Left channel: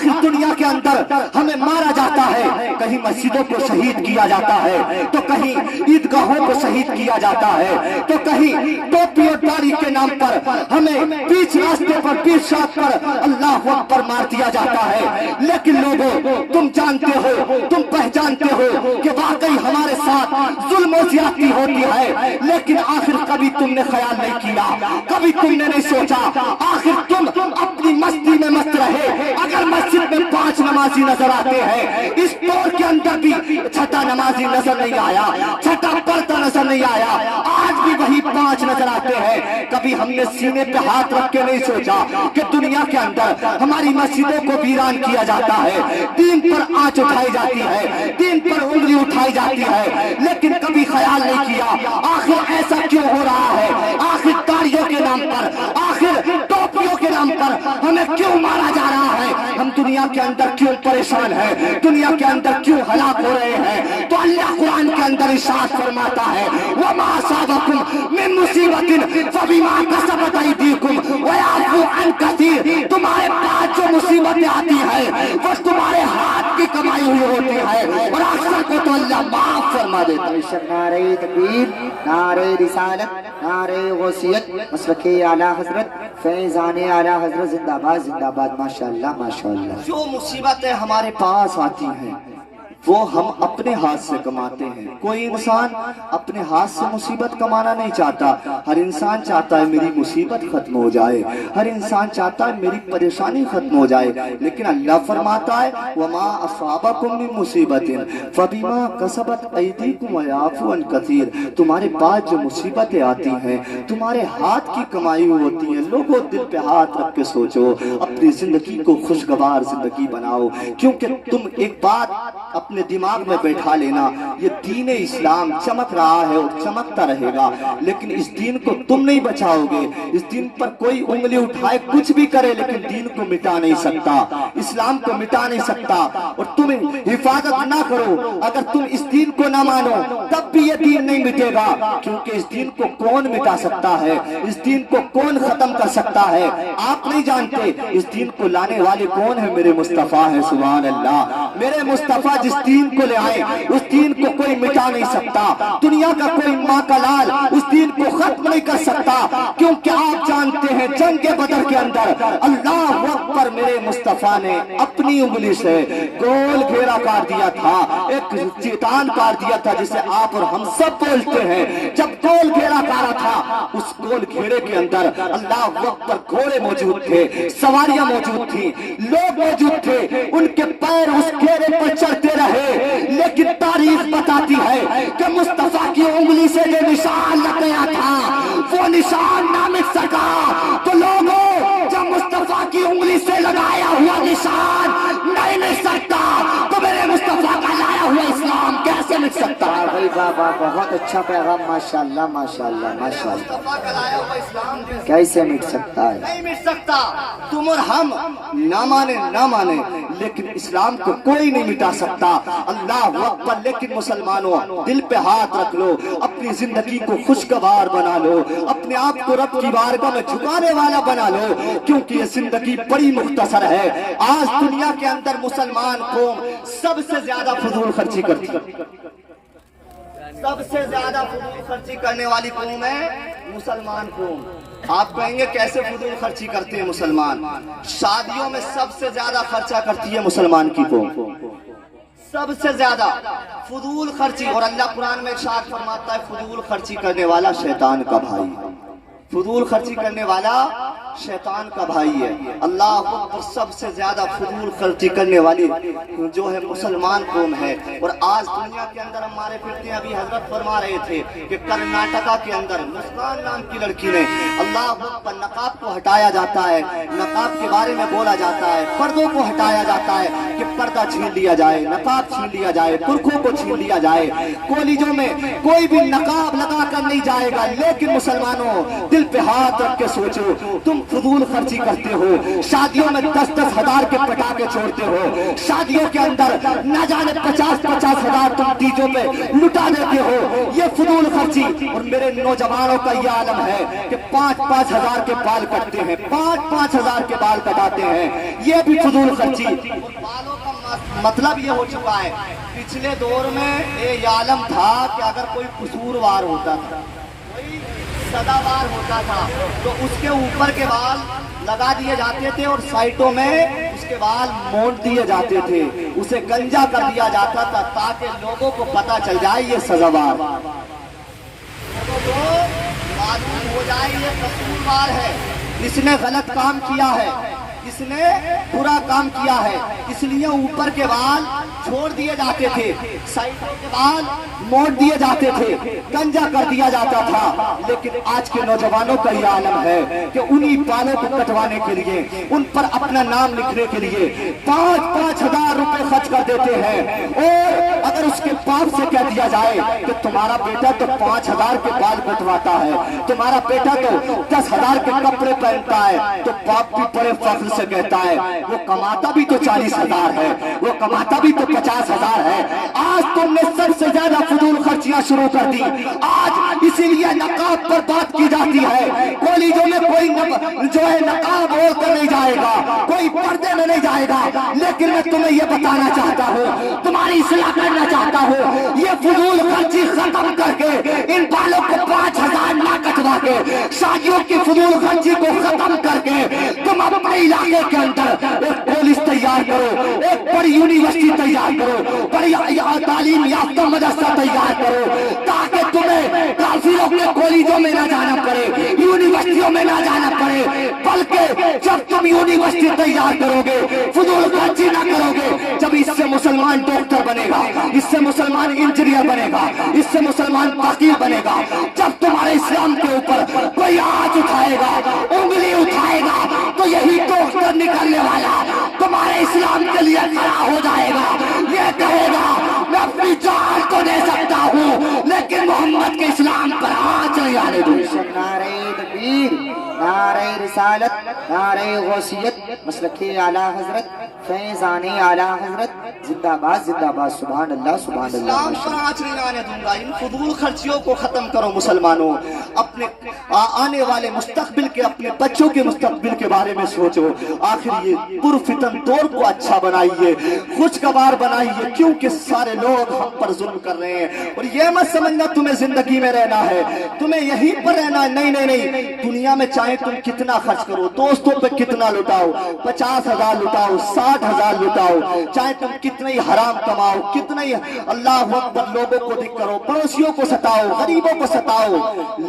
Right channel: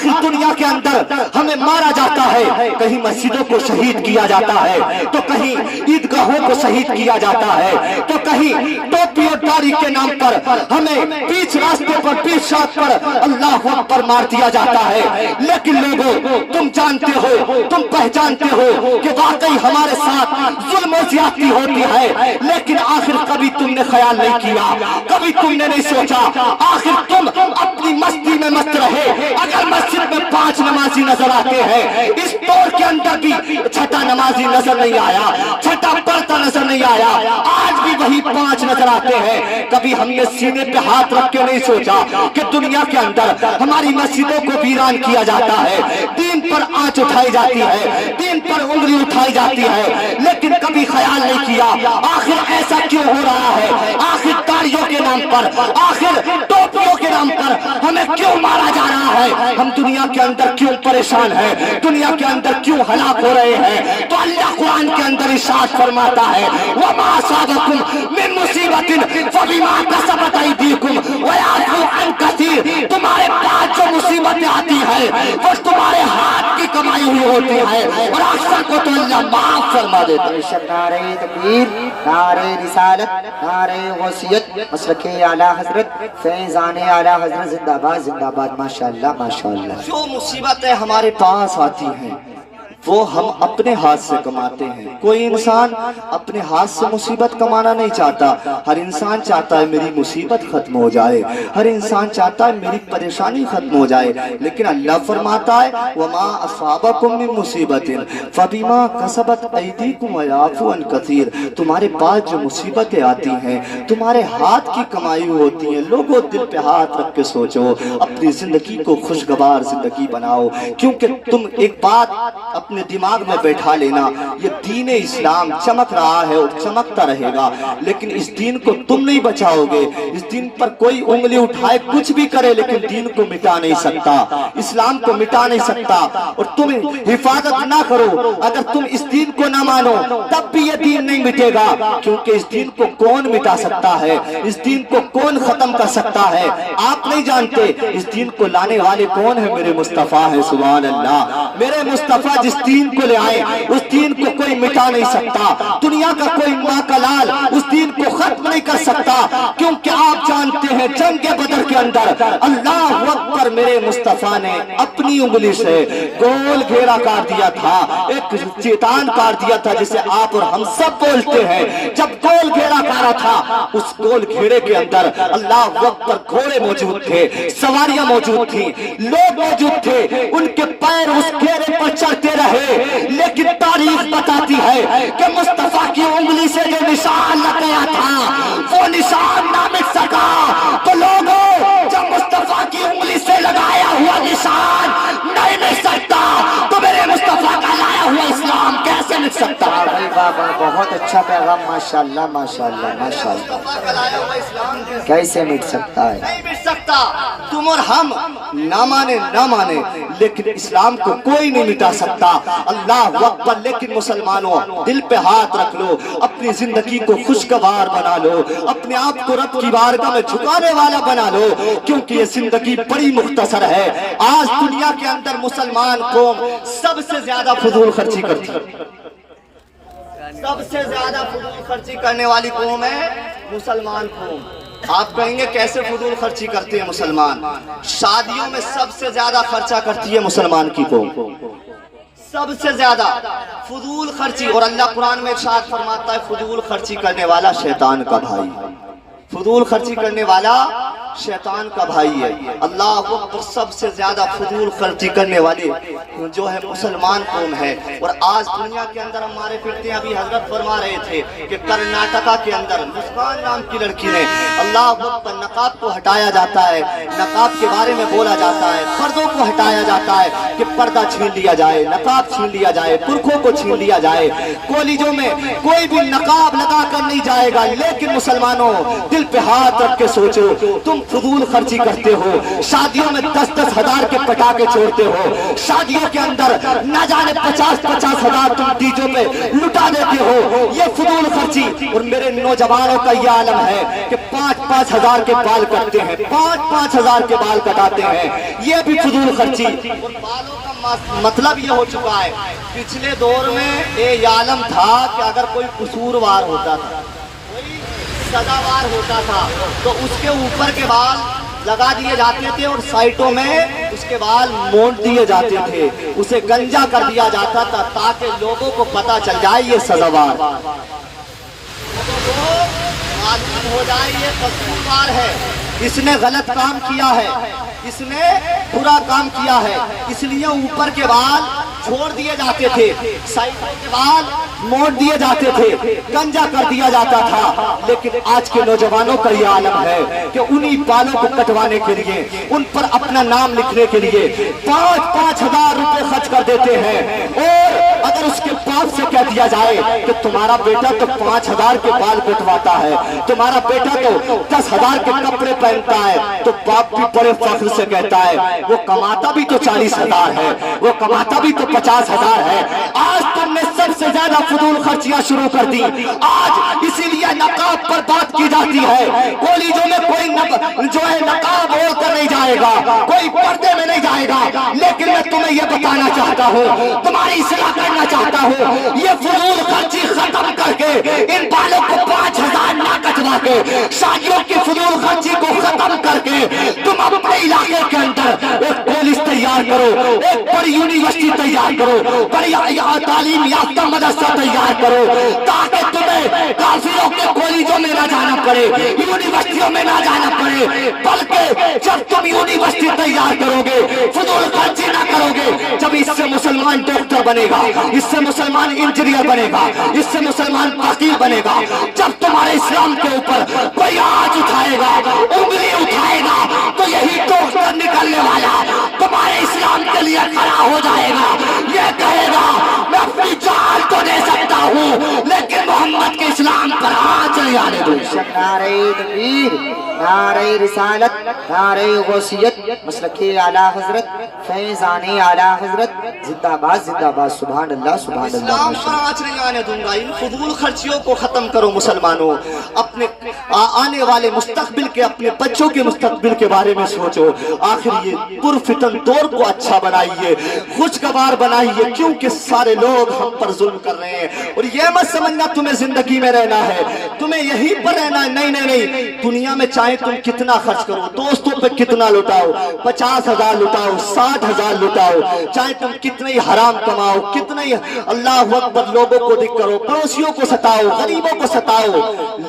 आखिर दुनिया के अंदर हमें मारा जाता है, कहीं मस्जिदों को शहीद किया जाता है, तो कहीं ईदगाहों को शहीद किया जाता है, तो कहीं टोपी और दाढ़ी के नाम पर हमें बीच रास्ते पर, बीच सड़क पर अल्लाह अकबर मार दिया जाता है। लेकिन लोगों, तुम जानते हो, तुम पहचानते हो कि वाकई हमारे साथ जुल्म और ज्यादती होती है, लेकिन आखिर कभी तुमने ख्याल नहीं किया, कभी तुमने नहीं सोचा, आखिर तुम अपनी मस्ती में मस्त रहे। अगर मस्जिद में 5 नमाजी नजर आते हैं, इस दौर के अंदर भी छठा नमाजी नजर नहीं आया, छठा पढ़ता नजर नहीं आया, आज भी वही 5 नजर आते हैं। कभी हमने सीने पे हाथ रख के नहीं सोचा कि दुनिया के अंदर हमारी मस्जिदों को वीरान किया जाता है, दीन पर आंच उठाई जाती है, दीन पर उंगली उठाई जाती है, लेकिन कभी ख्याल नहीं किया आखिर ऐसा क्यों हो रहा है, आखिर ताड़ियों के नाम पर, आखिर टोपियों के नाम पर हमें क्यों मारा जा रहा है, हम दुनिया के अंदर क्यों परेशान है, दुनिया के अंदर क्यों हलाक हो रहे हैं। तो अल्लाह कुरान के अंदर इरशाद फरमाता है, वमा असाबकुम मिन मुसीबतिन फबिमा कसबत अयदीकुम व याफू अन कसीर। तुम्हारे पास जो मुसीबतें आती है वो तुम्हारे हाथ की कमाई हुई होती है, और अक्सर को तो अल्लाह माफ फरमा देता है। नारे तकबीर, नारे रिसालत, नारे गौसियत, मसलके आला हजरत, फैज़ाने आला हजरत जिंदाबाद जिंदाबाद। माशाअल्लाह माशाअल्लाह। जो मुसीबतें हमारे पास आती हैं वो हम अपने हाथ से कमाते हैं। कोई इंसान अपने हाथ से मुसीबत कमाना नहीं चाहता, हर इंसान चाहता है मेरी मुसीबत खत्म हो जाए, हर इंसान चाहता है मेरी परेशानी खत्म हो जाए। लेकिन अल्लाह फरमाता है, वमा असाबकुम मिन मुसीबतिन फबिमा कसबत अयदीकुम व याफू अन कसीर। तुम्हारे पास जो मुसीबतें आती हैं तुम्हारे हाथ की कमाई होती हैं। लोगों, दिल पे हाथ रख के सोचो, अपनी जिंदगी को खुशगवार जिंदगी बनाओ, क्योंकि तुम एक बात अपने दिमाग में बैठा लेना, ये दीन इस्लाम चमक रहा है और चमकता रहेगा, लेकिन इस दीन को तुम नहीं बचाओगे। इस दीन पर कोई उंगली उठाए कुछ भी करे, लेकिन दीन को मिटा नहीं सकता, इस्लाम को मिटा नहीं सकता। और तुम हिफाजत ना करो, अगर तुम इस दीन को ना मानो तब भी ये दीन नहीं मिटेगा, क्योंकि इस दीन को कौन मिटा सकता है, इस दीन को कौन खत्म कर सकता है, आप नहीं जानते। इस दीन को लाने वाले कौन है? मेरे मुस्तफा है, सुभान अल्लाह। मेरे मुस्तफा जिस दीन को ले आए उस दीन को कोई मिटा नहीं सकता, दुनिया का कोई माँ का लाल उस दीन को खत्म नहीं कर सकता, क्योंकि आप जानते हैं जंग बदर के अंदर अल्लाह अकबर, मेरे मुस्तफा ने अपनी उंगली से गोल घेरा काट दिया था, एक चेतान काट दिया था जिसे आप और हम सब बोलते हैं। जब गोल घेरा काटा था, उस गोल घेरे के अंदर अल्लाह अकबर घोड़े मौजूद थे, सवारियां मौजूद थी, लोग मौजूद थे, उनके पैर उस घेरे पर चढ़ते रहे। लेकिन तारीख बताती है कि मुस्तफा की उंगली से जो निशान लगाया था वो निशान ना मिट सका। तो लोगों, जब मुस्तफा की उंगली से लगाया हुआ निशान नहीं मिट सकता, तो मेरे मुस्तफा का लाया हुआ इस्लाम कैसे मिट सकता? भाई बाबा, बहुत अच्छा पैगाम, माशाअल्लाह माशाअल्लाह माशाअल्लाह। मुस्तफा का लाया हुआ इस्लाम कैसे मिट सकता है? नहीं मिट सकता। तुम और हम ना माने ना माने, लेकिन इस्लाम को कोई नहीं मिटा सकता। अल्लाह अकबर। लेकिन मुसलमानों, दिल पे हाथ रख लो, अपनी जिंदगी को खुशगवार बना लो, अपने आप को रब की बारगाह में झुकाने वाला बना लो, क्योंकि ये जिंदगी बड़ी मुख्तसर है। आज दुनिया के अंदर मुसलमान कौम सबसे ज्यादा फजूल खर्ची करती है, सबसे ज्यादा फजूल खर्ची करने वाली कौम है मुसलमान कौम। आप कहेंगे कैसे फजूल खर्ची करते हैं मुसलमान? शादियों में सबसे ज्यादा खर्चा करती है मुसलमान की कौम, सबसे ज्यादा फजूल खर्ची। और अल्लाह कुरान में इरशाद फरमाता है, फजूल खर्ची करने वाला शैतान का भाई, फजूल खर्ची करने वाला शैतान का भाई है। अल्लाह अकबर। सबसे ज्यादा फजूल खर्ची करने वाली जो है मुसलमान कौम है। और आज दुनिया के अंदर हमारे फिरते अभी हजरत फरमा रहे थे कि कर्नाटका के अंदर मुस्कान नाम की लड़की ने, अल्लाह अकबर, नकाब को हटाया जाता है, नकाब के बारे में बोला जाता है, पर्दों को हटाया जाता है कि पर्दा छीन लिया जाए, नकाब छीन लिया जाए, पुरखों को छीन लिया जाए, कॉलेजों में कोई भी नकाब लगा कर नहीं जाएगा। लेकिन मुसलमानों, दिल पे हाथ रख के सोचो, तुम फजूल खर्ची करते हो, शादियों में 10-10 हजार के पटाखे छोड़ते हो, शादियों के अंदर न जाने 50-50 हजार तुम डीजों पे लुटा देते हो, ये फजूल खर्ची। और मेरे नौजवानों का ये आलम है कि 5-5 हजार के बाल कटते हैं, 5-5 हजार के बाल कटाते हैं, ये भी फजूल खर्ची। बालों का मतलब ये हो चुका है, पिछले दौर में ये आलम था कि अगर कोई कसूरवार होता था, कोई सदावार होता था, तो उसके ऊपर के बाल लगा दिए जाते थे और साइडों में उसके बाल मोड़ दिए जाते थे, उसे गंजा कर दिया जाता था ताकि लोगों को पता चल जाए ये सदावार, लोगों को मालूम हो जाए ये कसूरवार है, इसने गलत काम किया है, इसने बुरा काम किया है, इसलिए ऊपर के बाल छोड़ दिए जाते थे, साइडों के बाल मोड़ दिए जाते थे, गंजा कर दिया जाता था। लेकिन आज के नौजवानों का यह आलम है कि उन्हीं बालों को कटवाने के लिए, उन पर अपना नाम लिखने के लिए 5-5 हजार रुपए खर्च कर देते हैं। और अगर उसके बाप से कह दिया जाए कि तुम्हारा बेटा तो 5 हजार के बाल कटवाता है, तुम्हारा बेटा तो 10 हजार के कपड़े पहनता है, तो बाप भी बड़े फख्र से कहता है वो कमाता भी तो 40 हजार है, वो कमाता भी तो 50 हजार है। आज तुमने सबसे ज्यादा फजूल खर्चियां शुरू कर दी। आज इसीलिए नकाब पर बात की जाती है, कॉलेजों में कोई जो है नकाब ओढ़ कर नहीं जाएगा, कोई पर्दे में नहीं जाएगा। लेकिन मैं तुम्हें यह बताना चाहता हूँ, तुम्हारी इस्लाह करना चाहता हूँ, ये फजूल खर्ची खत्म करके इन बालों को 5 हजार ना कटवा के, शादियों की फजूल खर्ची को खत्म करके तुम अपने इलाके के अंदर एक कॉलेज तैयार करो, एक बड़ी यूनिवर्सिटी तैयार करो, बड़ी तालीम याफ्ता मदरसा तैयार करो, ताकि तुम्हें काफिरों के कॉलेजों में ना जाना पड़े, यूनिवर्सिटियों में ना जाना पड़े, बल्कि जब तुम यूनिवर्सिटी तैयार करोगे, फजूल खर्ची ना करोगे, जब इससे मुसलमान डॉक्टर बनेगा, इससे मुसलमान इंजीनियर बनेगा, इससे मुसलमान वकील बनेगा, जब तुम्हारे इस्लाम के ऊपर कोई आंच उठाएगा, उंगली उठाएगा, तो यही डॉक्टर निकलने वाला तुम्हारे इस्लाम के लिए खड़ा हो जाएगा, ये कहेगा मैं अपनी जान तो दे सकता हूँ लेकिन मोहम्मद के इस्लाम पर आंच नहीं आने दूंगा। नारे तकबीर, नारे रिसालत, नारे गौसियत, मसलके आला हजरत, फैज़ाने आला हजरत, जिंदाबाद जिंदाबाद, सुभान अल्लाह सुभान अल्लाह। इस्लाम पर आंच नहीं आने दूंगा। इन फजूल खर्चियों को खत्म करो मुसलमानों, अपने आने वाले मुस्तकबिल के, अपने बच्चों के मुस्तकबिल के बारे में सोचो। आखिर ये पुरफितन दौर को अच्छा बनाइए, खुशगवार बनाइए, क्योंकि सारे लोग हम पर जुल्म कर रहे हैं। और ये मत समझना तुम्हें जिंदगी में रहना है, तुम्हें यहीं पर रहना है, नहीं नहीं नहीं। दुनिया में चाहे तुम कितना खर्च करो, दोस्तों पे कितना लुटाओ, 50 हजार लुटाओ, 60 हजार लुटाओ, चाहे तुम कितने ही हराम कमाओ, कितने ही अल्लाह अकबर लोगों को दिख करो, पड़ोसियों को सताओ, गरीबों को सताओ,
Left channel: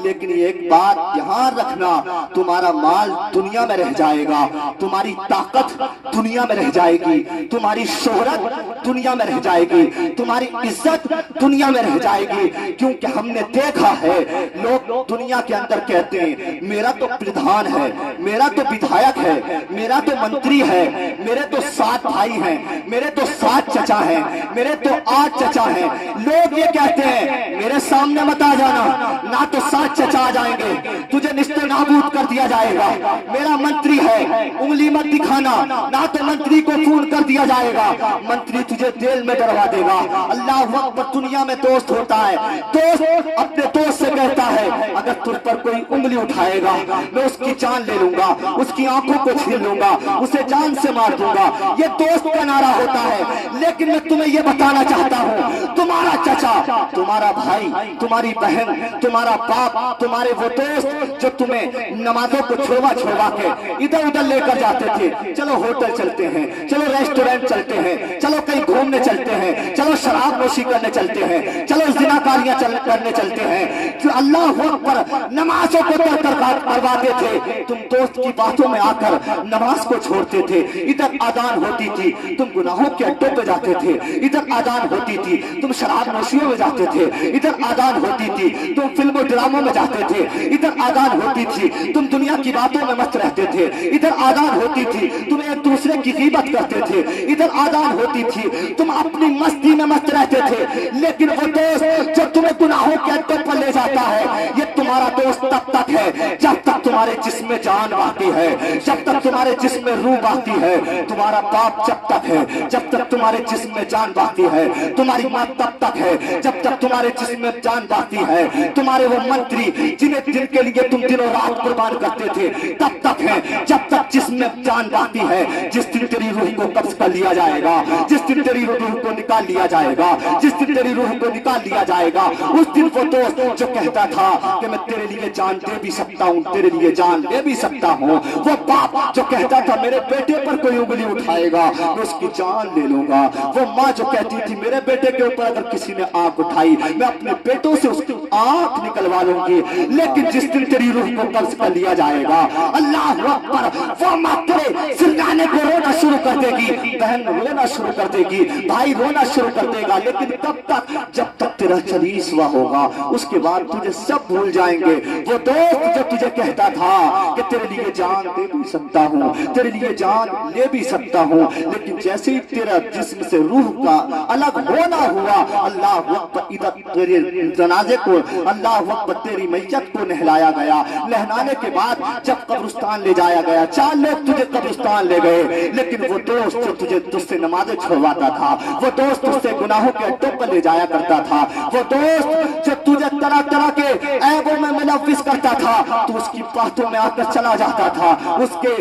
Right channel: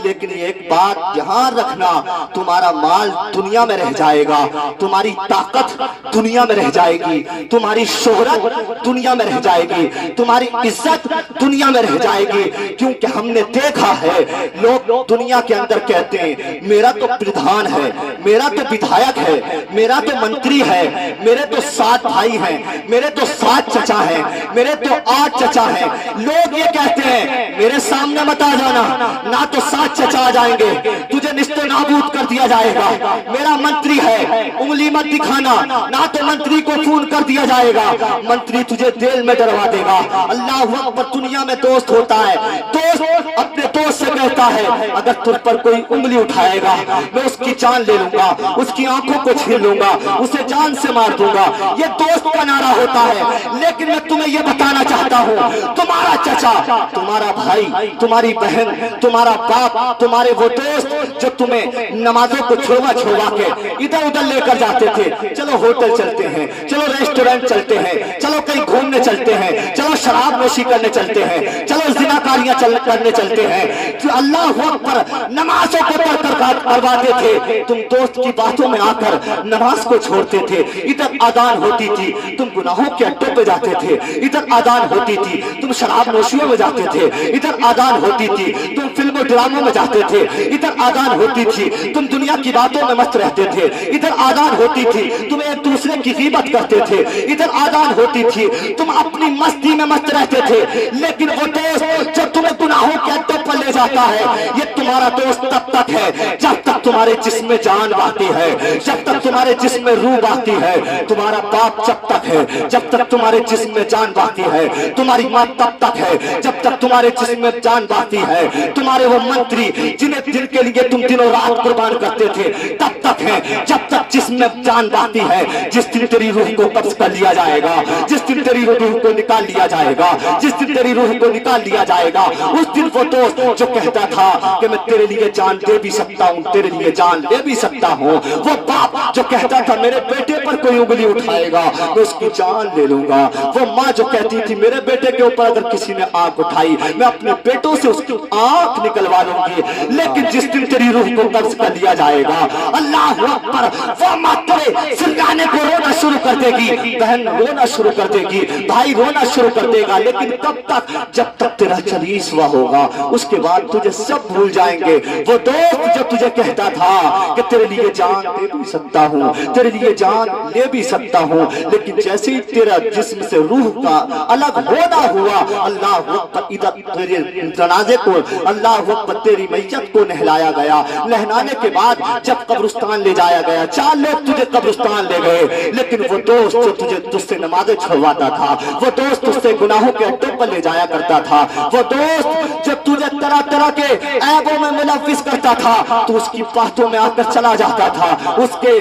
लेकिन एक बात ध्यान रखना, तुम्हारा माल दुनिया में रह जाएगा, तुम्हारी ताकत दुनिया में रह जाएगी, तुम्हारी शोहरत दुनिया में रह जाएगी, तुम्हारी इज्जत दुनिया में रह जाएगी। क्योंकि हमने देखा है लोग दुनिया के अंदर कहते हैं मेरा तो प्रधान है, मेरा तो विधायक है, मेरा तो मंत्री है, मेरे तो 7 भाई हैं, मेरे तो 7 चचा हैं, मेरे तो 8 चचा हैं। लोग ये कहते हैं मेरे सामने मत आ जाना, ना तो 7 चचा आ जाएंगे, तुझे निस्ते नाबूद कर दिया जाएगा। मेरा मंत्री है, उंगली मत दिखाना, ना तो मंत्री को खून कर दिया जाएगा, मंत्री तुझे जेल में डलवा देगा। अल्लाह अकबर। दुनिया में दोस्त होता है, दोस्त अपने दोस्त से कहता है अगर तुझ पर कोई उंगली उठाएगा मैं उसकी जान ले लूंगा, उसकी आंखों को छीन लूंगा, उसे जान से मार दूंगा। ये दोस्त का नारा होता है। लेकिन मैं तुम्हें ये बताना चाहता हूँ, तुम्हारा चचा, तुम्हारा भाई, तुम्हारी बहन, तुम्हारा बाप, तुम्हारे वो दोस्त जो तुम्हें नमाजों को छुड़वा छुड़वा के इधर उधर लेकर जाते थे, चलो होटल चलते हैं, चलो रेस्टोरेंट चलते हैं, चलो कहीं घूमने चलते हैं, चलो शराब नोशी करने चलते हैं, चलो जिनाकारियां करने चलते हैं, अल्लाह अकबर नमाजों को तरक करवाते थे। तुम दोस्त की बातों में आकर नमाज को छोड़ते थे। इधर आदान होती थी, तुम गुनाहों के अड्डों पे जाते थे, इधर आदान होती थी, तुम शराब नोशियों में जाते थे, इधर आदान होती थी, तुम फिल्मों ड्रामों में जाते थे, इधर आदान होती थी, तुम दुनिया की बातों में मस्त रहते थे, इधर आदान होती थी, तुम एक दूसरे की गीबत करते थे, इधर आदान होती थी, तुम अपनी मस्ती में मस्त रहते थे। लेकिन वो दोस्त जो तुम्हें गुनाहों के अड्डों पर ले जाता है, ये तुम तुम्हारा दोस्त तब तक है जब तक तुम्हारे जिस्म में जान बहती है, जब तक तुम्हारे जिस्म में रूह बहती है। तुम्हारा बाप जब तक है जब तक तुम्हारे जिस्म में जान बहती है। तुम्हारी माँ तब तक है जब तक तुम्हारे जिस्म में जान बहती है। तुम्हारे वो मंत्री जिनके लिए तुम दिनों रात कुर्बान करते थे तब तक है जब तक जिस्म में जान बहती है। जिस दिन तेरी रूह को कब्ज कर लिया जाएगा, जिस दिन तेरी रूह को निकाल लिया जाएगा, जिस दिन तेरी रूह को निकाल लिया जाएगा, उस दिन वो दोस्त जो कहता था कि मैं तेरे लिए जान दे भी सकता हूँ, तेरे लिए जान दे भी सकता हूँ, वो बाप जो कहता था मेरे बेटे पर कोई उंगली उठाएगा मैं उसकी जान ले लूंगा, वो माँ जो कहती थी मेरे बेटे के ऊपर अगर किसी ने आंख उठाई मैं अपने बेटों से उसकी आंख निकलवा लूंगी। लेकिन जिस दिन तेरी रूह को कब्ज कर लिया जाएगा, अल्लाह अकबर, वो माँ तेरे चिल्लाने को रोना शुरू कर देगी, बहन रोना शुरू कर देगी, भाई रोना शुरू कर देगा। लेकिन कब तक? जब तक तेरा 40वां होगा, उसके बाद तुझे सब भूल जाएंगे। वो दोस्त जो तुझे कहता था कि तेरे लिए जान दे भी सकता हूँ, तेरे लिए जान ले भी सकता हूँ, लेकिन जैसे ही तेरा जिस्म से रूह का अलग होना हुआ, अल्लाह अकबर, इधर तेरे जनाजे को अल्लाह अकबर तेरी मैयत को नहलाया गया। नहलाने के बाद जब कब्रिस्तान ले जाया गया, 4 लोग तुझे कब्रिस्तान ले गए, लेकिन वो दोस्त जो तुझे तुझसे नमाजें छुड़वाता था, वो दोस्त तुझसे गुनाहों के अड्डों पर ले जाया करता था, वो दोस्त जब तुझे तरह तरह के ऐबों में मुलव्विस करता था तो उसकी बातों में आकर चला जाता था, उसके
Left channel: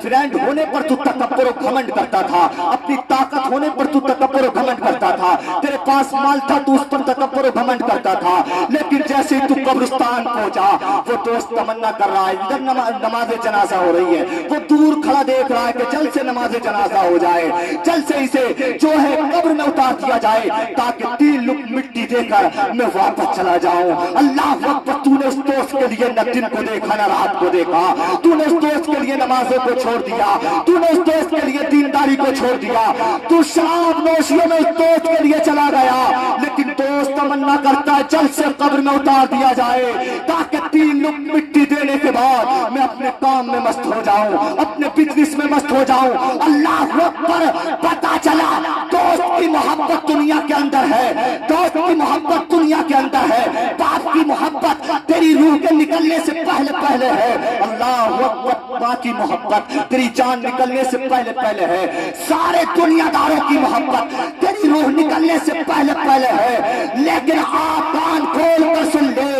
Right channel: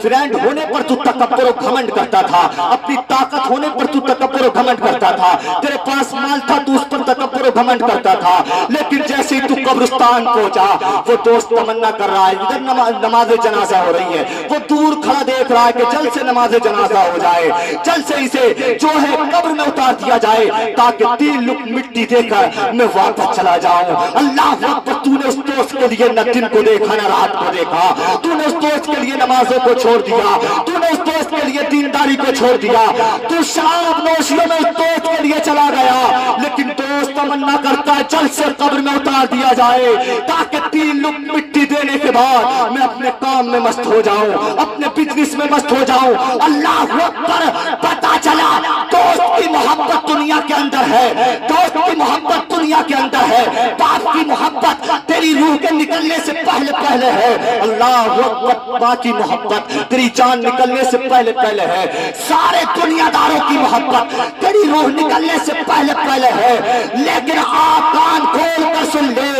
फ्रेंड होने पर तू तकब्बुर और घमंड करता था, अपनी ताकत होने पर तू तकब्बुर और घमंड करता था, तेरे पास माल था तू उस पर तकब्बुर और घमंड करता था। लेकिन जैसे ही तू कब्रिस्तान पहुंचा, वो दोस्त तमन्ना कर रहा है, इधर नमाज जनाजा हो रही है, वो दूर खड़ा देख रहा है कि जल्द से नमाज जनाजा हो जाए, जल्द से इसे जो है कब्र में उतार दिया जाए ताकि 3 लुक मिट्टी देकर मैं वापस चला जाऊं। अल्लाह अकबर, तूने उस दोस्त के लिए न दिन को देखा न रात को देखा, तूने उस दोस्त के लिए नमाजों को छोड़ दिया, तूने उस दोस्त के लिए दीनदारी को छोड़ दिया, तू शराब नोशियों में उस दोस्त के लिए चला गया। लेकिन दोस्त तमन्ना करता है जल्द से कब्र में उतार दिया जाए ताकि 3 लुक मिट्टी देने के बाद मैं अपने काम में मस्त हो जाऊं, अपने बिजनेस में मस्त हो जाऊं। अल्लाह अकबर, पता चला दोस्त की मोहब्बत दुनिया के अंदर है, दोस्त की मोहब्बत दुनिया के अंदर है, बाप की मोहब्बत तेरी रूह के निकलने से पहले पहले है। अल्लाह अकबर, माँ की मोहब्बत तेरी जान निकलने से पहले पहले है, सारे दुनियादारों की मोहब्बत तेरी रूह निकलने से पहले पहले है। लेकिन आप कान खोल कर सुन ले,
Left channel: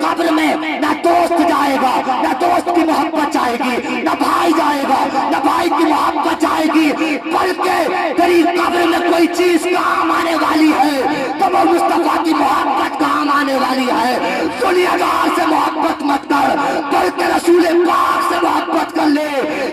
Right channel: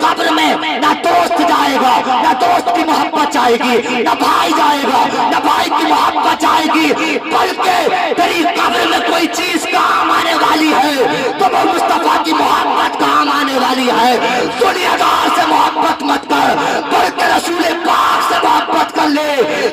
कब्र में ना दोस्त जाएगा, ना दोस्त की मोहब्बत जाएगी, ना भाई जाएगा, ना भाई की मोहब्बत जाएगी, बल्कि तेरी कब्र में कोई चीज काम आने वाली है तो वो मुस्तफा की मोहब्बत काम आने वाली है। दुनियादार से मोहब्बत मत कर, बल्कि रसूल पाक से मोहब्बत कर ले,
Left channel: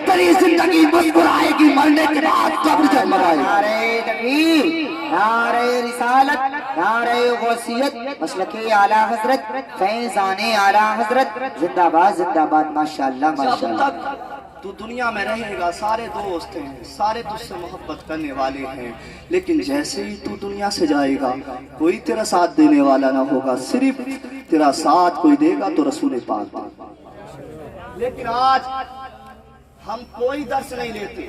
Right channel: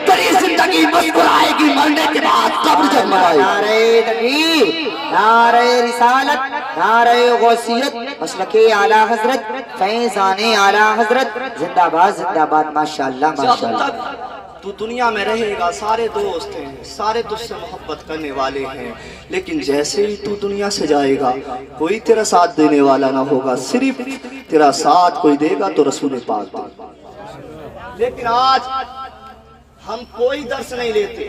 तेरी जिंदगी मुस्कुराएगी मरने के बाद, कब्र जगमगाएगी। नारे तकबीर, नारे रिसालत, नारे गौसियत, मसलके आला हजरत, फैज़ाने आला हजरत, जिंदाबाद जिंदाबाद, माशाअल्लाह माशाअल्लाह। जब तक तू दुनिया में रहेगा सारे दोस्त हैं, सारे तुझसे मोहब्बत करने वाले हैं, लेकिन जैसे ही तू दुनिया से जाएगा कोई तेरा साथ देने वाला ना होगा, सिर्फ तेरा साथ कोई देगा तो रसूल पाक देगा। लेकिन आज हम कोई दर्श नहीं लेते,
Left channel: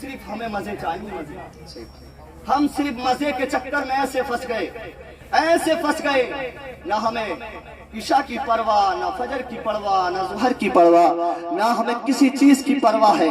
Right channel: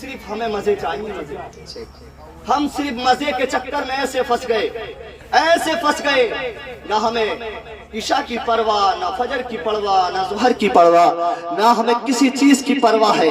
सिर्फ हमें मजे चाहिए, मजे। हम सिर्फ मजे के चक्कर में ऐसे फंस गए, ना हमें ईशा की परवाह, ना फजर की परवाह, ना ज़ुहर की परवाह, ना हमें किसी चीज की परवाह है,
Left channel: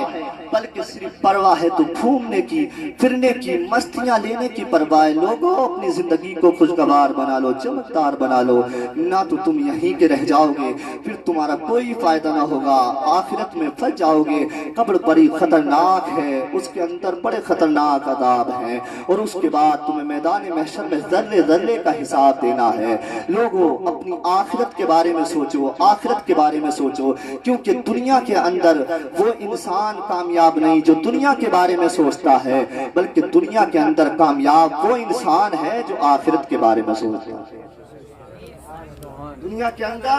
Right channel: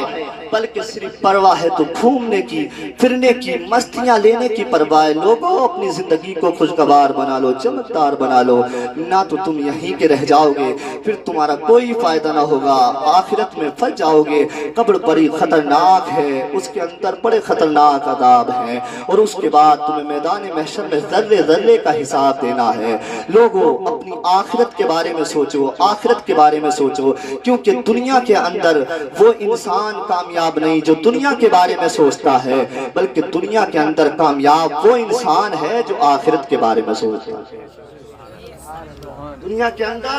बल्कि सिर्फ परवाह है तो घूमने की, फिरने की, मस्तियां लेने की परवाह है। लोगों, अपनी जिंदगी को खुशगवार बना लो, चमकदार बना लो, ना तो तुम यहीं के रह जाओगे, फिर तुम्हारा कोई फायदा ना होगा, आखिरत में फंस जाओगे। कब्र बड़ी खतरनाक है, उसके अंदर बड़े खतरनाक अदाब हैं, और उसके बाद तुम्हें मैदान महशर में जर्रे जर्रे का हिसाब देना है। लोगों, अपनी आखिरत के बारे में सोचो, आखिरत के बारे में सोचो, क्योंकि दुनिया के अंदर वो इंसान कामयाब नहीं जो दुनिया के बारे में सोचता है, बल्कि दुनिया के अंदर कामयाब वो इंसान है जो आखिरत के बारे में सोचता है। दुनिया के अंदर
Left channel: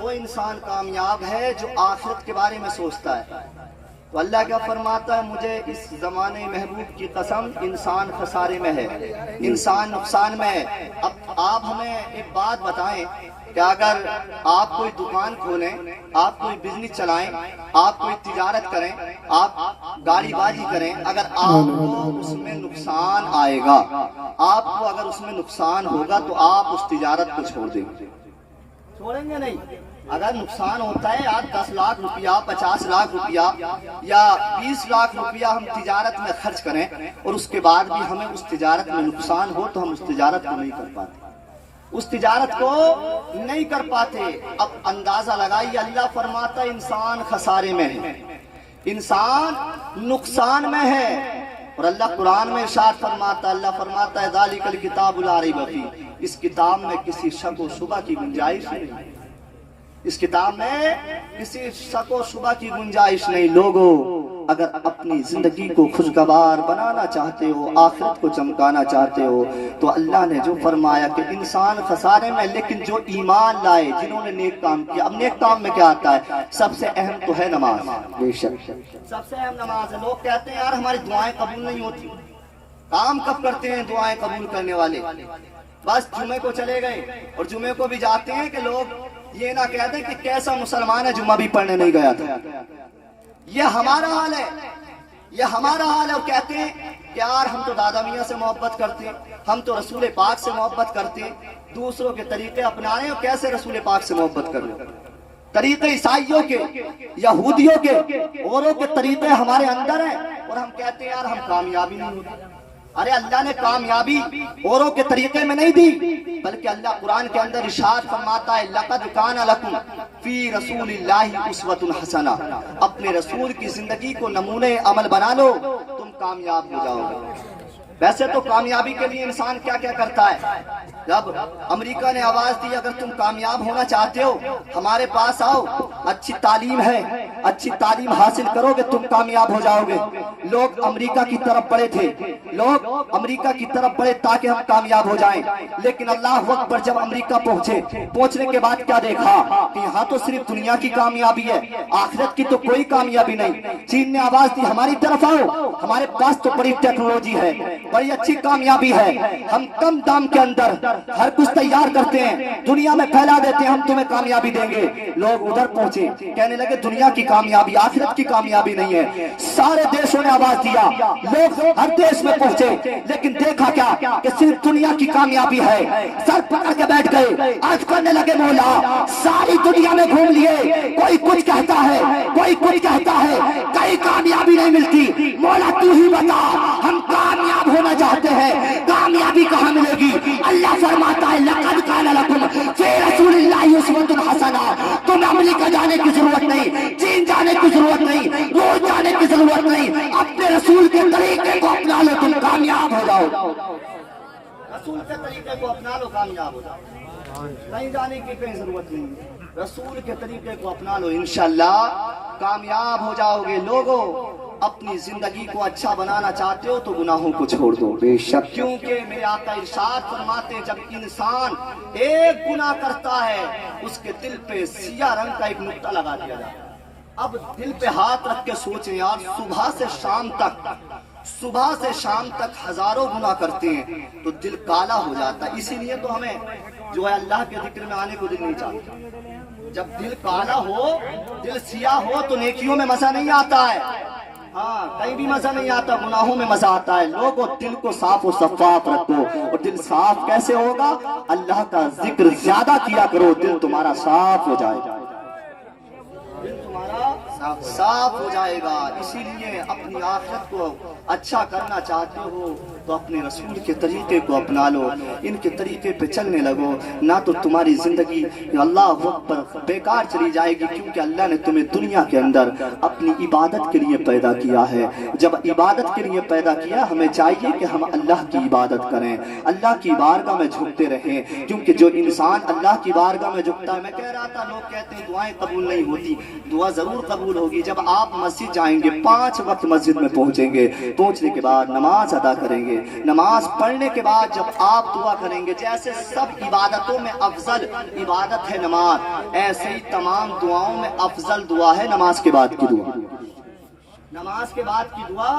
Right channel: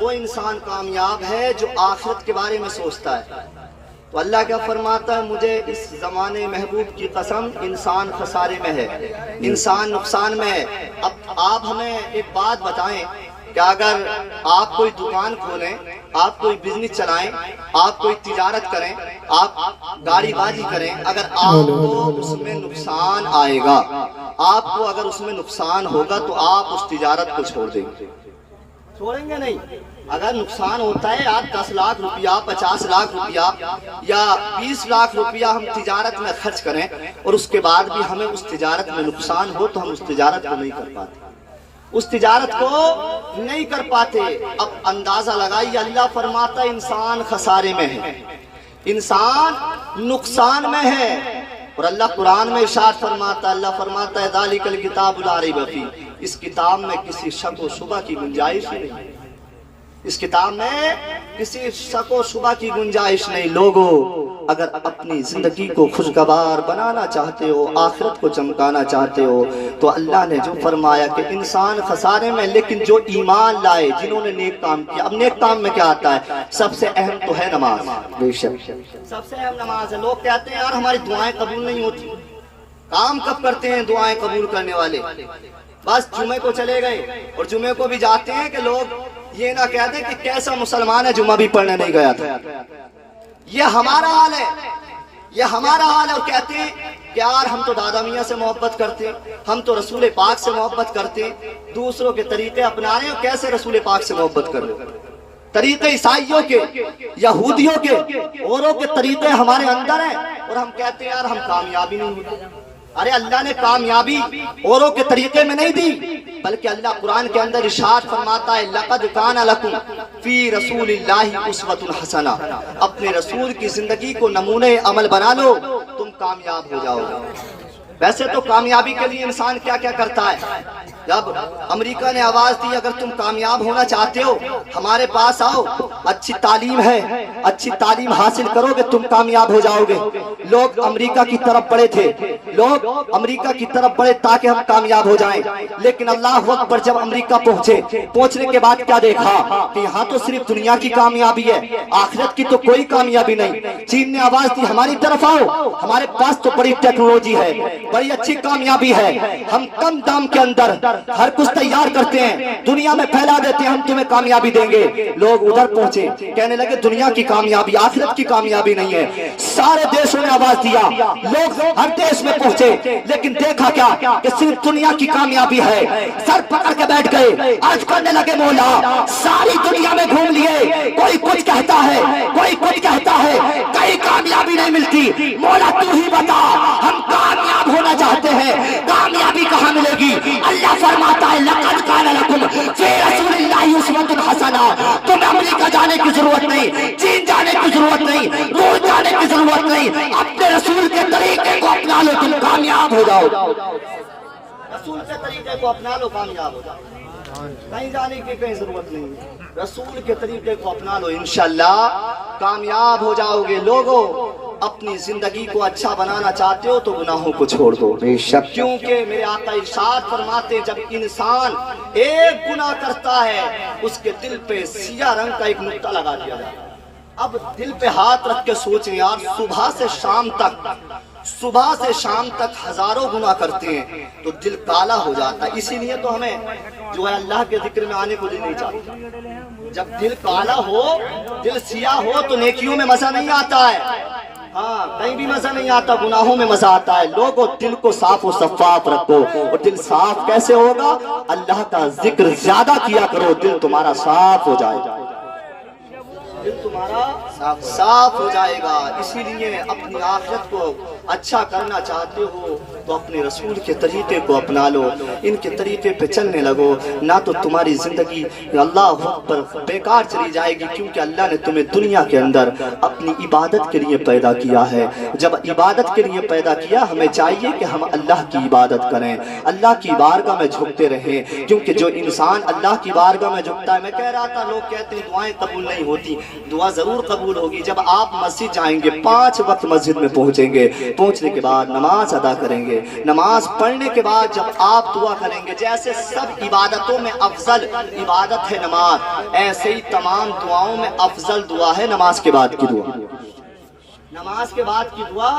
वो इंसान कामयाब है जो आखिरत के बारे में सोचता है। तो अल्लाह क्या फरमाता है, मुझे इस जमाने महबूब की कसम, इंसान खसारे में है, इंसान नुकसान में है। अब आप हमें एक बात बताएं कि अगर आप कोई दुकान खोलें, आप कोई बिजनेस चलाएं, आप कोई तिजारत करें, आप गाड़ीबाजी करें, अगर आपको उसमें नुकसान आएगा, आपको अगर उसमें नुकसान होगा तो आप उस तिजारत को छोड़ देंगे, چھوڑیں گے نہیں. اگر نقصان ہوتا ہے آج 10 لاکھ روپیہ 50 لاکھ روپیہ یا 20 لاکھ روپیہ ہم تجارت میں خرچ کریں اور اس کے بعد بھی ہمیں اس تجارت میں نقصان ہو تو ہم اس تجارت کو نہیں کر پاتے, اس تجارت کو نہیں کر پاتے. اب اندازہ لگائیے, اللہ فرماتا ہے انسان خسارے میں ہے, انسان نقصان میں ہے. اور اللہ قرآن میں ارشاد فرماتا ہے, اللہ فرماتا ہے ذالک الکتاب لا ریب فیہ, اس کتاب میں کسی شک و شبہ کی گنجائش نہیں, اس کتاب میں کسی شک و شبہ کی گنجائش نہیں. لوگوں اگر اپنی زندگی کو خوشگوار بنانا چاہتے ہو, آخرت کو چمکانا چاہتے ہو, تو اللہ نے جو فرمایا کہ انسان خسارے میں, لیکن جو ایمان لائے, جنہوں نے نیک کام کیا. اب نیک کام میں کیا آتا ہے؟ سب سے اہم تو ہے نماز. بے شک سب سے اہم نماز ہے. لوگ کہتے ہیں یار ہماری دعائیں قبول نہیں ہوتی. کام کب کرتے ہیں دعائیں قبول کرنے والے؟ بس جمعے کو چلے گئے, اور جمعے کو بھی جاتے ہیں کہ لوگ یہ نہ کہہ دیں کہ کیسا مسلمان ہے جمعہ بھی پڑھنے نہیں گیا تھا. یہ ہمارا حال ہے, یہ ہمارا حال ہے. اور کہتے ہیں کہ یار ہم تو دادا میاں سے محبت کرتے ہیں, ہم تو رسول پاک سے محبت کرتے ہیں, دوسروں کے طریقے اپنا رہے ہیں. کیسے رسول پاک سے محبت کر رہے ہو؟ طریقے عیسائیوں کے, یہودیوں کے, اوروں کے طریقے ہمارے اندر ہیں, اور ہم کہتے ہیں یار ہم کامیابی نہیں ہوتے. ارے اللہ نے کامیابی اوروں کے طریقے میں نہیں دی, بلکہ اللہ قرآن کے اندر ارشاد فرماتا ہے لقد کان لکم فی رسول اللہ اسوۃ حسنہ, اپنے رسول کی زندگی کو نمونے عمل بنا لو, تم کامیاب ہو جاؤ گے. ویسے تو کامیابی کے لیے انسان کیا کیا کرتا ہے. جب امریکہ نے آواز دی اگر تم کامیاب ہونا چاہتے ہو ہمارے پاس آؤ, اچھی تعلیم ہے, اچھی تعلیم حاصل کرو گے تم کامیاب ہو جاؤ گے. لوگ امریکہ کی طرف بڑھے تھے, لوگ امریکہ کی طرف بڑھے تاکہ ہم کامیاب ہو جائیں. لیکن اللہ اکبر جب امریکہ پہنچے, پہنچنے کے بعد کیا دیکھا کہ یہاں تو صرف دنیا کی کامیابی ہے, آخرت کی تو کوئی کامیابی نہیں. چین نے آواز دی ہماری طرف آؤ, ہمارے پاس تو بڑی ٹیکنالوجی ہے, بڑی اچھی کامیابی ہے, ہم کم دام کے اندر ہر کچھ تیار کرتے ہیں, دنیا میں پھیلا دیتے ہیں, ہم تمہیں کامیابی دیں گے. لوگ ادھر پہنچے, کہنے لگے دنیا کی کامیابی آخرت کی کامیابی نہیں ہے. سارے دیشوں نے آواز دیا, لوگ ہر دیش میں پہنچے, لیکن دیکھا کیا کہ صرف دنیا کی کامیابی ہے. سر پکڑ کے بیٹھ گئے, آج کرنے لگے مولا ساری دنیا میں گھوم لیے, کوئی کچھ کہتا ہے, کوئی کچھ کہتا ہے, کئی کامیابی نہیں ملتی. مولا تو ہی بتا, ہم کامیاب ہونا چاہتے ہیں, کامیابی کہاں ملے گی؟ اللہ فرماتا ہے لقد کان لکم فی رسول اللہ اسوۃ حسنہ, تمہیں امریکہ جانے کی ضرورت نہیں, چین جانے کی ضرورت نہیں, روس جانے کی ضرورت نہیں, اپنے رسول کے طریقے کو اپنا لو, تم کامیاب ہو جاؤ. رسول کے طریقے کو اپنا لو, کامیاب ہو جاؤ. کہیں جانے کی کوئی ضرورت نہیں, رسول کے طریقے کو اپنا لو, انشاءاللہ کامیاب ہو جاؤ گے. لوگوں اپنی زندگی کو اچھا بنانا چاہتے ہو تو گناہوں کو چھوڑ دو. بے شک, کیونکہ میرے آقا ارشاد فرماتے جب انسان ایک گناہ کرتا ہے اس کے دل پہ سیاہ رنگ کا ایک نقطہ لگا دیا جاتا ہے. اب دل پہ ہاتھ رکھ کے سوچیں یار, صبح سے شام تک ہزاروں گناہ کرتے ہیں تو دل کالا ہو جاتا ہے. اسی لیے تو ہمیں جو ہے اللہ کے ذکر میں آنے کو دل نہیں چاہتا. جب دل کالا ہو, دل سیاہ ہو تو نیکیوں میں مزہ نہیں آتا ہے, ہاں کہیں بھی مزہ نہیں آتا, گناہوں میں مزہ آتا ہے. لوگوں دل کو صاف و شفاف رکھو, اور دل صاف کیسے ہوگا؟ اللہ کا ذکر زیادہ کیا کرو, دل تمہارا صاف ہو جائے گا, دل تمہارا صاف ہو جائے گا. اسی لیے اپنی آخرت کو اچھا کرنا چاہتے ہو تو اپنے رسول کے طریقے کو اپنا لو, ان کے طریقے پہ چلنے لگو, نہ تو تمہاری زندگی اللہ اکبر بیکار چلی جائے گی. کیونکہ اللہ نے تمہیں دنیا کے اندر اپنی عبادت کے لیے پیدا کیا ہے. جب عبادت کے لیے پیدا کیا, ہمیں چاہیے کہ ہم اللہ کی عبادت کریں, اللہ کی بارگاہ میں جھکتے رہیں. کیونکہ جو انسان اللہ کی بارگاہ میں جھکتا ہے, میں کہہ رہا تھا لوگ کہتے ہیں دعائیں قبول نہیں ہوتی, دعا ضرور قبول ہوگی. جب آپ مسجد جائیں گے, 5 وقت مسجد میں پہنچیں گے, پہنچنے کے بعد نماز ادا کریں گے, نماز پڑھنے کے بعد جب آپ دعا کریں گے, جیسے سب عبادتوں میں افضل عبادت ہے نماز, ایسے ہی تمام دعاؤں میں افضل دعا ہے نماز کے بعد کی دعا. نماز کے بعد کی دعا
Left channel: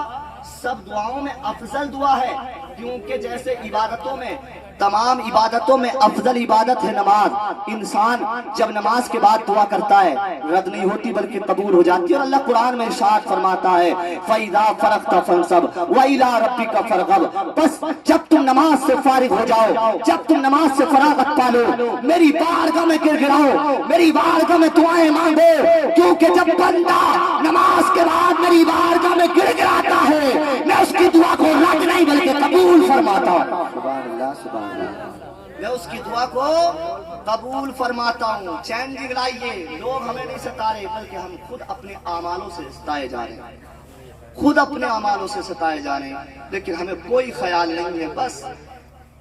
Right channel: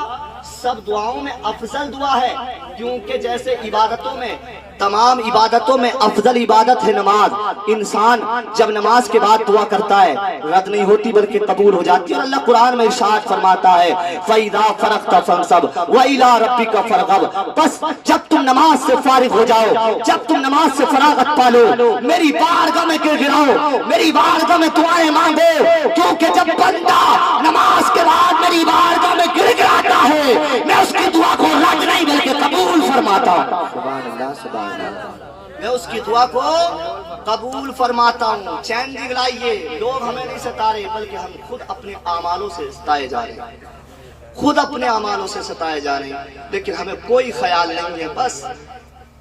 سب دعاؤں میں افضل دعا ہے, کیونکہ جیسے عبادتوں میں तमाम इबादतों में अफजल इबादत है नमाज। इंसान जब नमाज के बाद दुआ करता है रद्द नहीं होती बल्कि कबूल हो जाती है। और अल्लाह कुरान में इरशाद फरमाता है फ़इज़ा फ़रग़्त फ़ंसब व इला रब्बिका फ़रग़ब। बस जब तुम नमाज से फारिग हो जाओ, जब तुम नमाज से फरागत पा लो, मेरी बारगाह में गिड़गिड़ाओ, मेरी बारगाह में दुआएं मांगो, क्योंकि जब बंदा नमाज के बाद मेरी बारगाह में गिड़गिड़ाता है मैं उसकी दुआ को रद्द नहीं बल्कि कबूल फरमाता हूँ। सुभान अल्लाह, सुभान अल्लाह। मैं उसकी दुआ को कबूल फरमाता हूँ। चैन दिलाइए, लोग हमें नहीं सता रहे बल्कि हम खुद अपने आमालों से सताए जा रहे हैं, खुद अपने अमालों से सताए जा रहे हैं, लेकिन हमें कोई ख्याल नहीं है। बस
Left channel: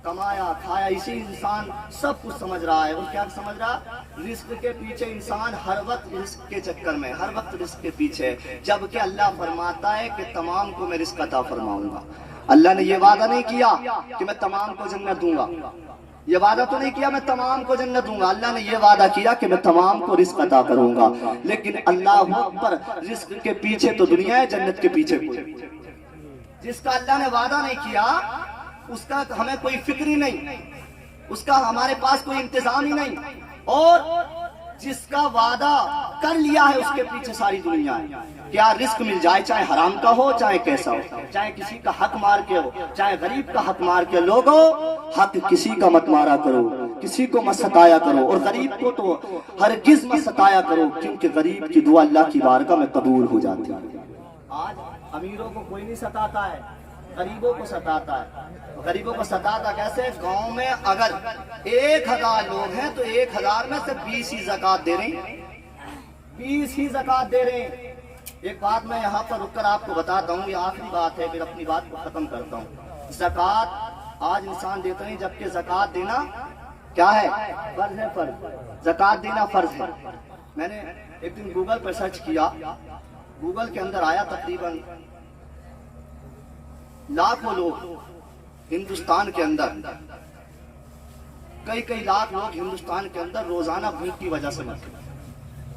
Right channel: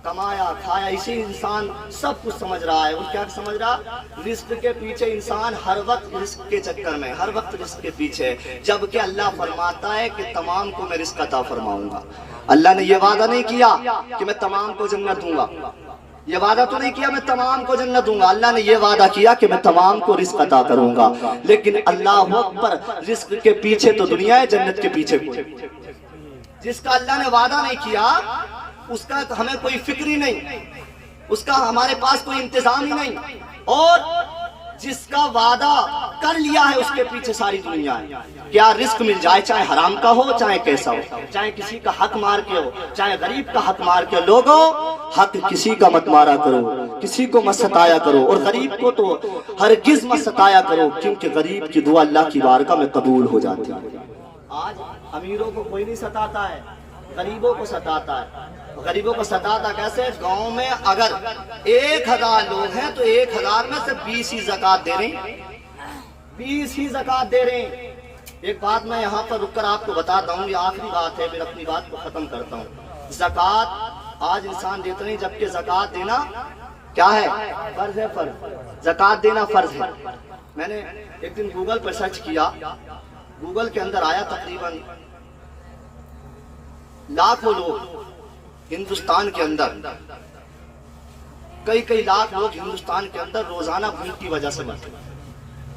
कमाया खाया इसी इंसान सब कुछ समझ रहा है। वो क्या समझ रहा? रिस्क के पीछे इंसान हर वक्त रिस्क के चक्कर में, हर वक्त रिस्क के पीछे, जबकि अल्लाह फरमाता है कि तमाम को मैं रिस्क अता फरमाऊंगा। अल्लाह ने ये वादा नहीं किया कि मैं तमाम को जन्नत दूंगा, ये वादा तो नहीं किया मैं तमाम को जन्नत दूंगा। अल्लाह ने ये वादा किया कि मैं तमाम को रिस्क अता करूंगा। लेकिन अल्लाह अकबर, रिस्क के पीछे तो दुनिया है, जन्नत के पीछे कोई। जिसका अल्लाह ने वादा नहीं किया उसका हमें कोई फिक्र ही नहीं, उसका हमारे पास कोई इंतजाम ही नहीं, और जिसका वादा कर लिया है उसके पीछे सारी दुनिया है। क्या रिस्क मिल जाए, चाहे हराम का हो चाहे कैसा हो, चाहे किसी का हक मार के हो चाहे गरीब का हक मार के। लोगों, हक किसी का मत मारा करो, किसी को मत सताया करो, और गरीब को तो हरगिज मत सताया करो, क्योंकि गरीब की दुआ अल्लाह की बारगाह में कबूल हो जाती है। आज अमीरों को कोई नहीं सताता है, गरीबों को सताता है। गरीबों को सताता कैसे? गांव में अगर 1000 लोग हैं तो 1000 में से 20 ही ज़कात दे रहे हैं, 20 ही ज़कात दे रहे हैं। एक बात मैं यहाँ पर रुककर आपको बताता हूँ, ये आखिरी बात है, फिर अपनी बात को खत्म करता हूँ। ज़कात आज इंसान देते नहीं, जबकि ज़कात देना क्या है? फर्ज है, फर्ज। ज़कात देना फर्ज है। मैंने एक दिन गूगल पर सर्च किया, गूगल के अंदर आया तकरीबन लाखों लोग हिंदुस्तान के अंदर, कई लाख लोग हिंदुस्तान के अंदर रोजाना भूख की वजह से मरते हैं,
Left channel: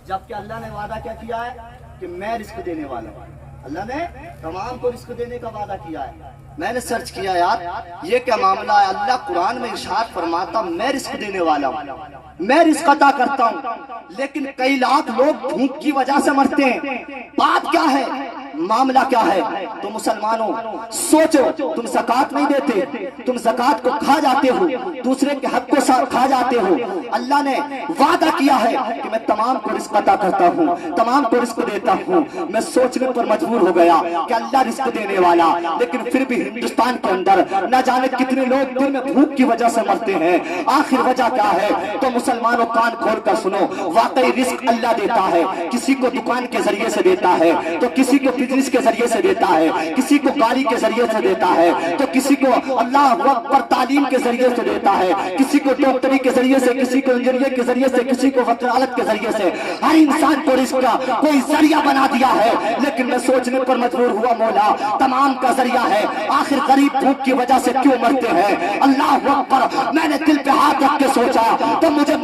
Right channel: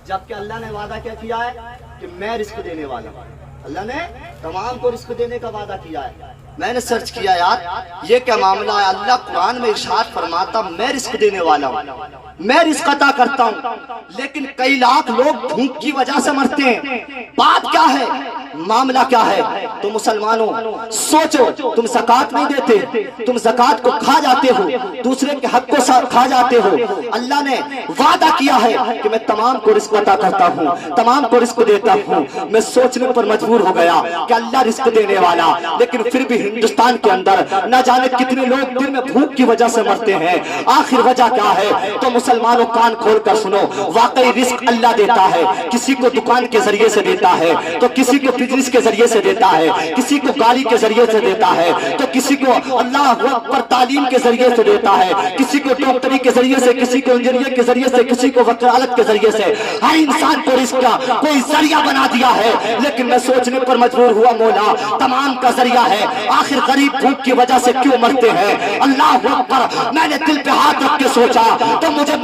जबकि अल्लाह ने वादा क्या किया है कि मैं रिस्क देने वाला हूं। अल्लाह ने तमाम को रिस्क देने का वादा किया है। मैंने सर्च किया यार ये क्या मामला है। अल्लाह कुरान में इरशाद फरमाता मैं रिस्क देने वाला हूँ, मैं रिस्क अता करता हूँ, लेकिन कई लाख लोग भूख की वजह से मरते हैं। बात क्या है, मामला क्या है? तो मुसलमानों सोचो, तुम ज़कात नहीं देते, तुम ज़कात को खा जाते हो, दूसरे के हक को खा जाते हो। अल्लाह ने वादा किया है कि मैं तमाम को रिस्क अता करता हूँ, तमाम को रिस्क देता हूँ। मैं सोचने पर मजबूर हो गया कि अल्लाह रिस्क देने वाला, लेकिन फिर भी हिंदुस्तान के अंदर न जाने कितने लोग दिन में भूख की वजह से मरते हैं। आखिर वजह क्या है? तो मुसलमानों कान खोल कर सुनो, वाकई रिस्क अल्लाह देता है। किसी को दुकान के जरिए से देता है, तो किसी को बिजनेस के जरिए से देता है, किसी को गाड़ी के जरिए से देता है, तो किसी को अल्लाह पर तालीम के जरिए से देता है, किसी को डॉक्टरी के जरिए से, किसी को इंजीनियर के जरिए से, किसी को वकालत के जरिए से। हर इंसान को रिस्क का कोई जरिया बना दिया है। लेकिन मैं सोचने पर मजबूर हुआ, मौला तमाम का जरिया है, आखिर गरीब भूख की वजह से क्यों मरते हैं? अल्लाह अकबर। मैंने दिल पे हाथ रख के सोचा तो मुझे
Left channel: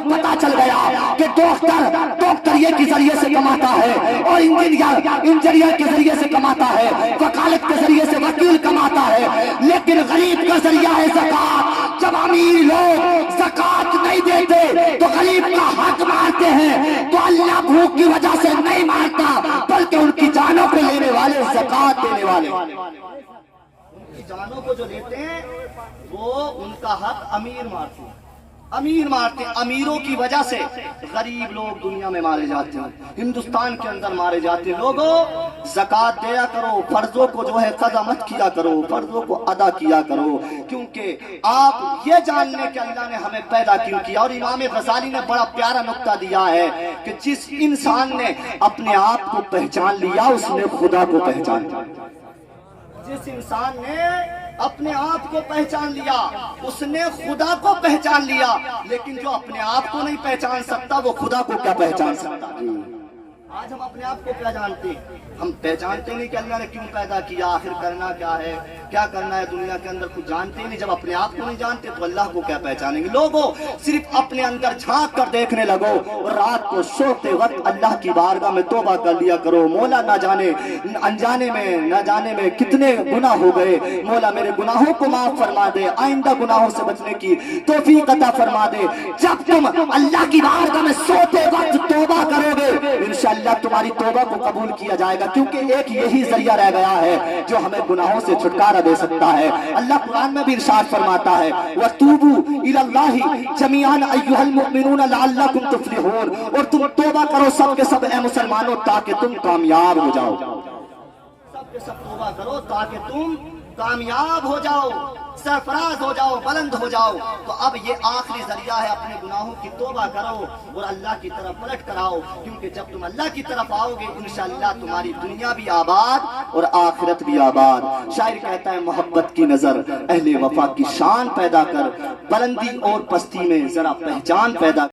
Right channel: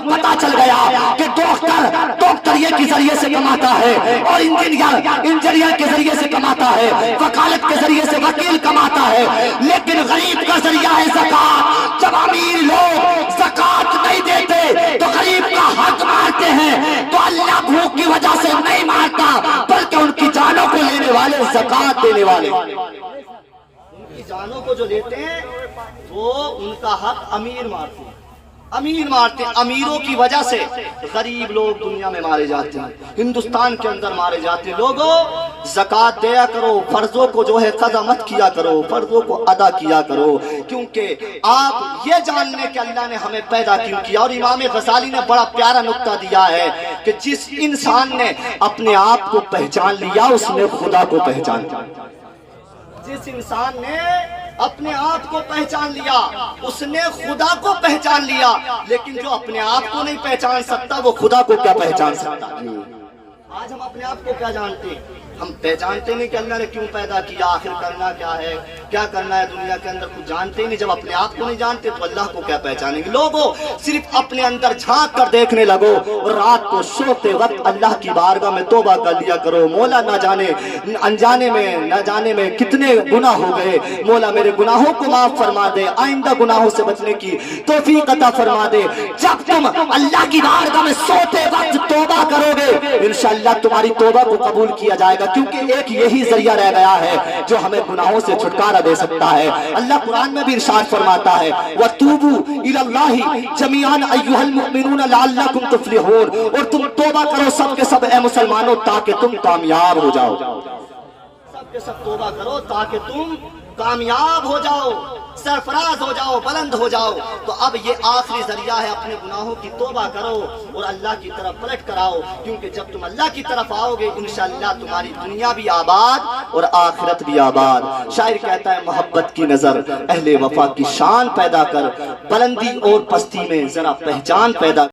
पता चल गया कि डॉक्टर ये के जरिए से कमाता है, और इंजीनियर के जरिए से कमाता है, वकालत के जरिए से वकील कमाता है, लेकिन गरीब का जरिया है ज़कात। जब अमीर लोग ज़कात नहीं देते तो गरीब का हक मारते हैं, तो अल्लाह भूख की वजह से नहीं मारता, बल्कि उनकी जानों को लेने वाले, ज़कात देने वाले, उनकी जानों को जो लेते हैं वो उनका हक अमीर मारते हैं, अमीर मारते हैं। अमीरों की वजह से गरीब लोग दुनिया में मारे जाते हैं, हिंदुस्तान के अंदर मारे जाते हैं। लोगों, ज़कात दिया करो, फर्जों को जो है कज़ा मत किया करो, फर्जों को अदा किया करो, क्योंकि आप ये जान लें कि अल्लाह ने हमें पैदा क्यों किया। और इमाम गज़ाली ने बड़ा प्यारा नुक्ता दिया है कि जिस इंसान ने अपने आप को पहचान लिया उसने खुदा को पहचान लिया। जिस इंसान ने अपने आप को पहचान लिया उसने खुदा को पहचान लिया, लेकिन जो अपने आप को नहीं पहचान सकता वो खुदा को क्या पहचान सकता? आज हम अपने आप को क्या जानते हैं? ہم پہچانتے نہیں کہ اللہ نے کیوں پیدا کیا، آخر کرنا کیا ہے، کیا کرنا ہے دنیا کے اندر، کچھ جانتے ہی نہیں۔ جب اپنے آپ کو نہیں جانتے تو اللہ کو کیا پہچانیں گے؟ لوگوں صرف اپنے اندر جھانک کر دیکھنے لگو، اور رات کو سوتے وقت اللہ کی بارگاہ میں توبہ کر لیا کرو۔ مولا نہ جانے انجانے میں نہ جانے میں کتنے گناہ ہو گئے، مولا میرے گناہوں کو معاف فرما دے، آئندہ گناہوں سے بچنے کی توفیق عطا فرما دے۔ جب تم اللہ کی بارگاہ میں سوتے وقت توبہ کرو گے، انشاءاللہ تمہاری توبہ کو قبول کیا جائے گا، کیونکہ ایک یہی ذریعہ رہ گیا ہے جو ہمیں گناہوں سے چھٹکارا دے سکتا ہے۔ اللہ قرآن میں بھی ارشاد فرماتا ہے وَتُوبُوا إِلَى اللَّهِ جَمِيعًا أَيُّهَا الْمُؤْمِنُونَ لَعَلَّكُمْ تُفْلِحُونَ، اور تم توبہ کرو سب کے سب اے مسلمانوں تاکہ تم کامیاب ہو جاؤ۔ سب کے سب توبہ کرو تاکہ تم کامیاب ہو جاؤ، سرفراز ہو جاؤ، بلند ہو جاؤ۔ تو اب یہ آخری ذریعہ ہے، اپنے گناہوں کی توبہ کرو اور اللہ کی طرف پلٹ کر آؤ، کیونکہ جب تم اللہ کی طرف آؤ گے انشاءاللہ تمہاری دنیا بھی آباد اور آخرت بھی آباد۔ شاعر کہتا ہے محبت کی نظر اہل وفا کی شان پیدا کر، بلندی اور پستی میں ذرا پہچان پیدا